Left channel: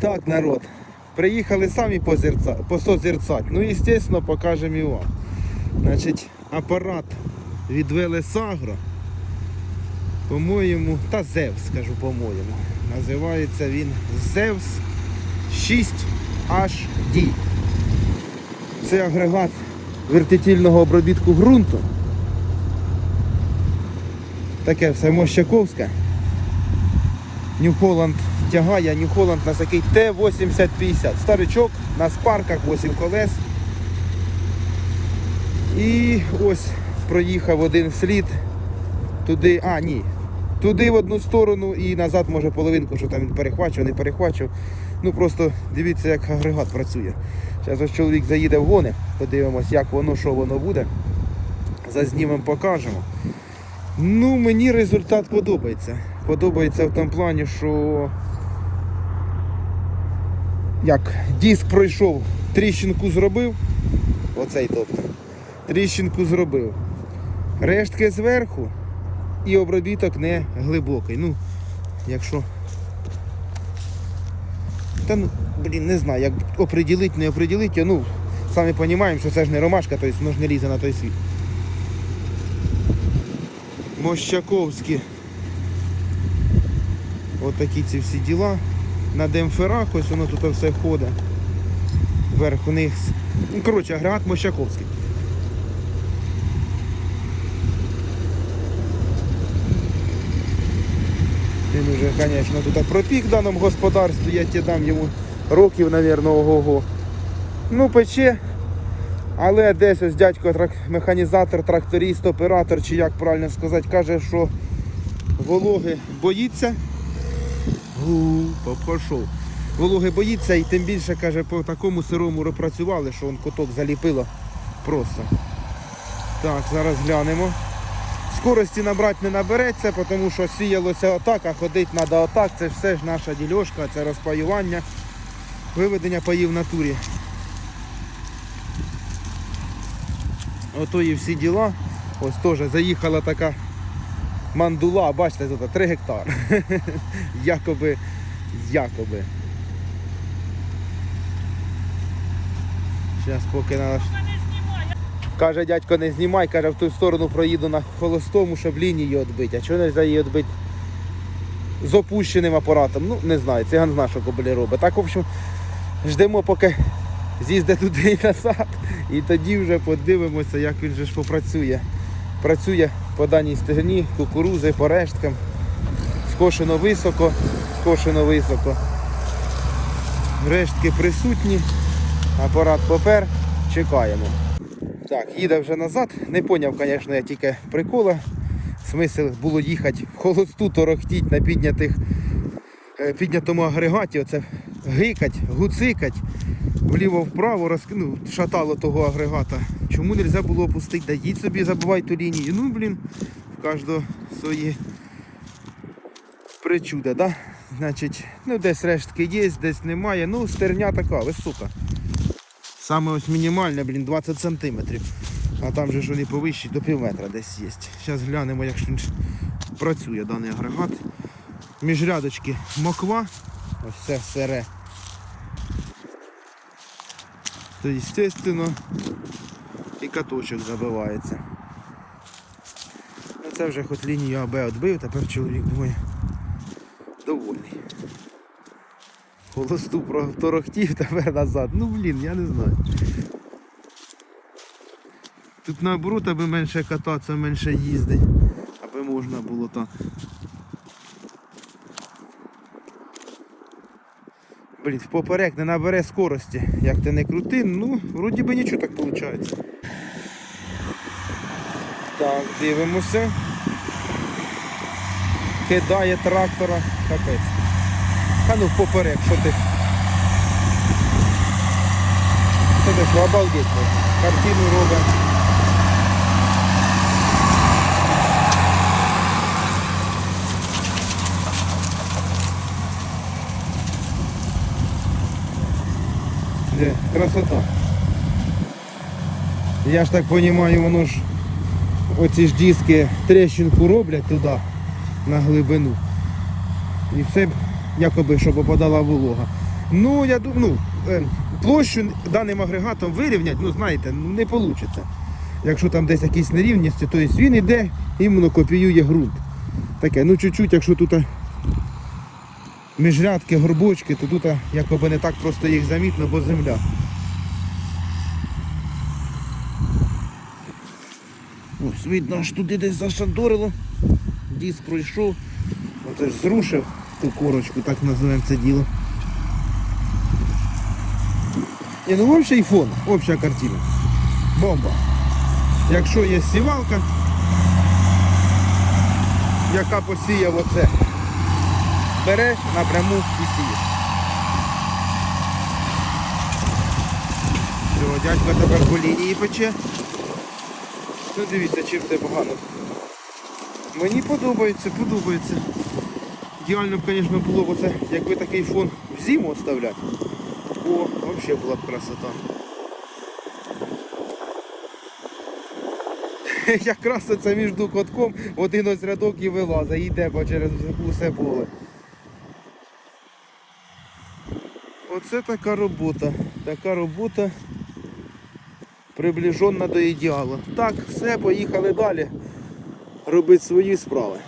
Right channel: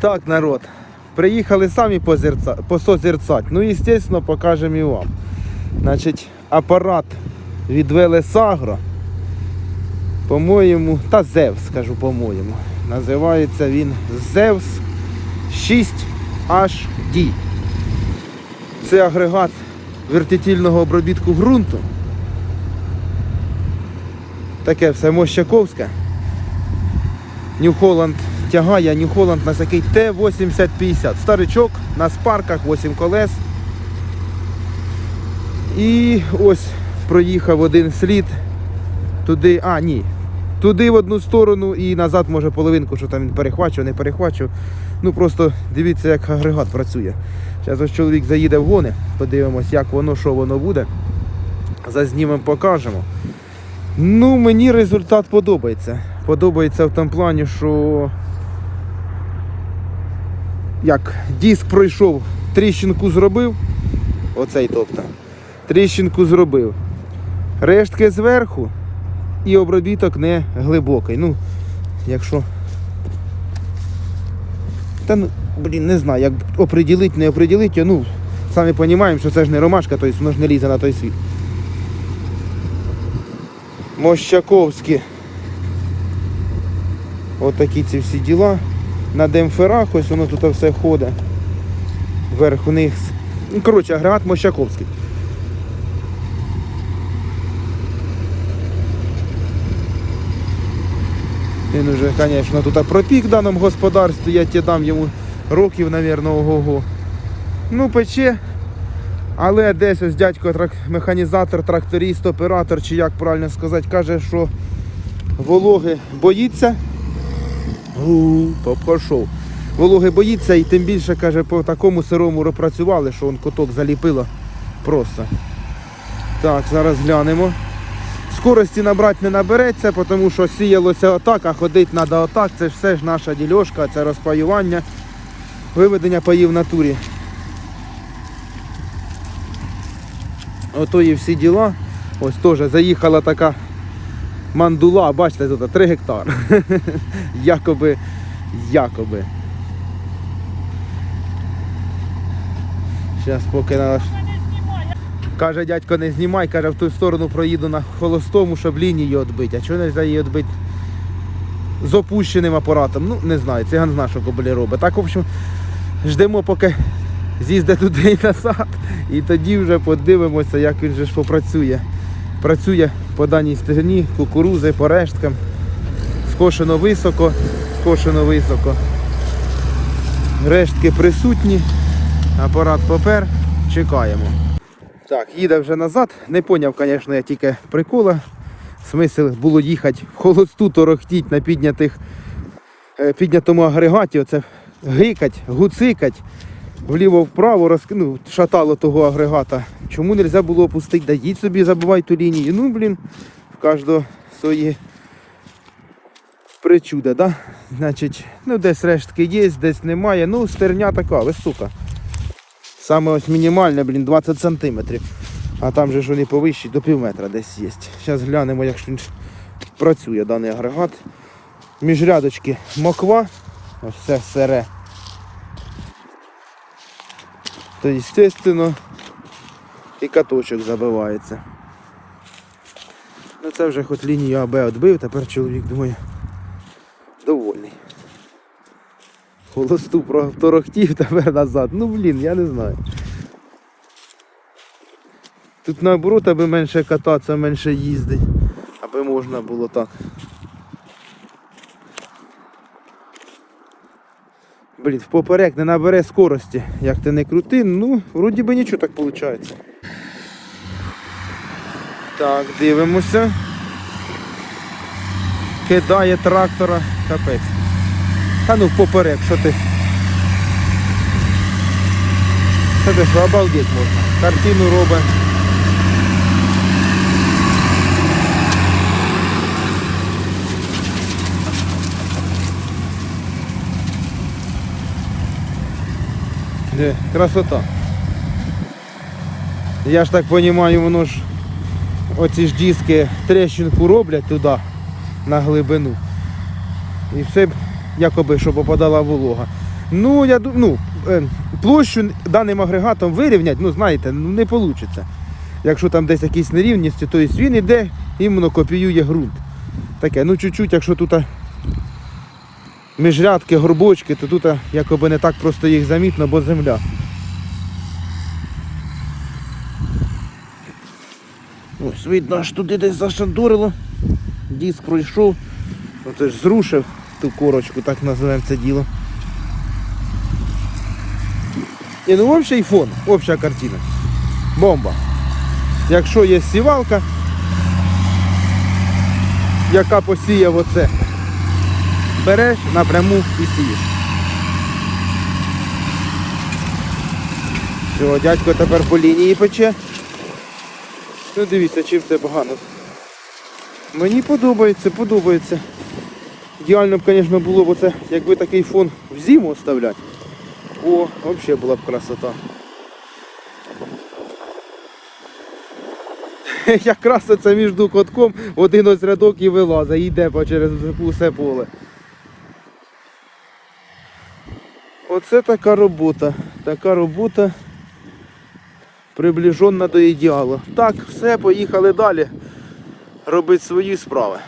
Так, народ. Приїхали самі посозерцать. Ну, звісно, покажемо і вам. Значить, апарат від Велесагро, по-моєму, та Зевс, скажу по-моєму. Називається він Зевс 6HD. Це агрегат вертитильного обробітку ґрунту. Таке все мощаковське. Нью Холланд тягає, Нью Холланд на такий Т-8050. Старичок на спарках, 8 колес. І ось проїхав один слід туди, а ні, туди в одну сторону і назад може половинку, що там він перехвачив, не перехвачив. Ну просто дивіться, як агрегат працює. Зараз ось чоловік заїде в гони, подивимось, як воно, що воно буде. Зазнімемо, покажемо. Ну, мені результат подобається. Подобається в тому плані, що як диск пройшов, тріщинку зробив. Оцей тобто. Тріщинку зробив. Рештки зверху і обробіток не глибокий. Ну, якщо. Та ну, блін, не знаю, як оприділити, не оприділити, ну, самі розуміємо, що це ж не ромашка, тобто воно ж не лізе на той світ. Мощаковські. От ці всі діла. На демпферах ось воно тут все ходить. Вверх вниз. Ну, коротше, агрегат Мощаковський. Він уже, звісно, тут пропік в даному господарстві, я тебе дам йому років, мабуть, ого-го. Ну, пече. Але десь ось дядько трак- механізатор, тракторист, оператор, чи як правильно сказати, каже, що вологи боїться. Пішов. Вологи боїться і тим більше, каже, по такому сирому пропрацювали, що он куток заліпило просто. Так, зараз глянемо. Скорості набрати не набереться, тому що сіялося отак, а ходити треба отак. Це ж все ж наша дільошка, це розпаювання, виведення паїв в натурі. Ото і всі діла. Ось теж заїхала така мандула, бачите, тут 3 гектари. якоби, якоби. Зараз поки наш. Каже, дядько, не знімай, каже, в ту сторону проїду на холостому, щоб лінію відбити. А чого не можна її відбити з опущеним апаратом? Ну, не знаю, циган зна, що кобелі робить. Так, в общем, ждемо, поки з'їздить туди і назад. І тоді вже подивимося, як він же ж попрацює. Працює по даній стегні, кукурузи, по решткам. Скошено високо, скошено високо. Рештки присутні. Апарат попер. Чекаємо. Так, їде вже назад. Не поняв, звісно, я тільки прикола. Смисл було їхати в холосту, торохтіть на піднятих, е, піднятому агрегаті, оце гикать, гуцикать, вліво-вправо, роз... ну, шатало того агрегата. Чому не можна було опустити? Да їдь собі, забувай ту лінію. Ну, блін, в кожного свої причуди, да? Значить, ну десь рештки є, десь немає. Ну, стерня така, висока. Саме ось мінімальне, блін, 20 сантиметрів. А там же ж вони повищі до пів метра десь є. Зараз глянемо, як ж він працює даний агрегат. Міжрядочки моква. Ось це сере. То, звісно, і каточок забивається. Ну це вже хоч лінію АБ відбив, тепер чоловік думає довольний. Холосту проторохтів тепер назад. Ну блін, я не знаю. Тут наоборот, аби менше кататися, менше їздить. Аби можна було так. Блін, в поперек не набере скорості. Як ти не крути, ну, вроді би нічого так виходить. Так, дивимося. Кидає трактора. Капець. Та ну поперек, що ти? Це ти що, обалдеть. Картину робить. Де, красота. Я ж так розумію, воно ж оці ж диски трещинку роблять туди, на глибину. І все якоби, щоб попадала волога. Ну, я ну, е, площу даним агрегатом вирівняти, ну знаєте, ну не вийде. Якщо там десь якісь нерівності, то він іде, іменно копіює ґрунт. Таке, ну чуть-чуть, якщо тут міжрядки, горбочки, то тут якоби не так просто їх замітно, бо земля. Ось видно, аж туди десь зашандурило. Диск пройшов. Ну, це ж зрушив ту корочку, так називаємо це діло. І ну общий фон, обща картина. Бомба. Якщо є сівалка, яка посіяв оце, береш напряму і сієш. Все, дядько тепер по лінії пече. Ну дивіться, чим це погано. Мені подобається, подобається. Ідеально б, звісно, було б оце, якби такий фон в зиму оставляти. О, взагалі була б красота. Якраз це між котком один ось рядок і вилазить, і йде через усе поле. Оце така робота. Така робота приближена до ідеалу. Так, все, поїхали далі. Робити свої справи.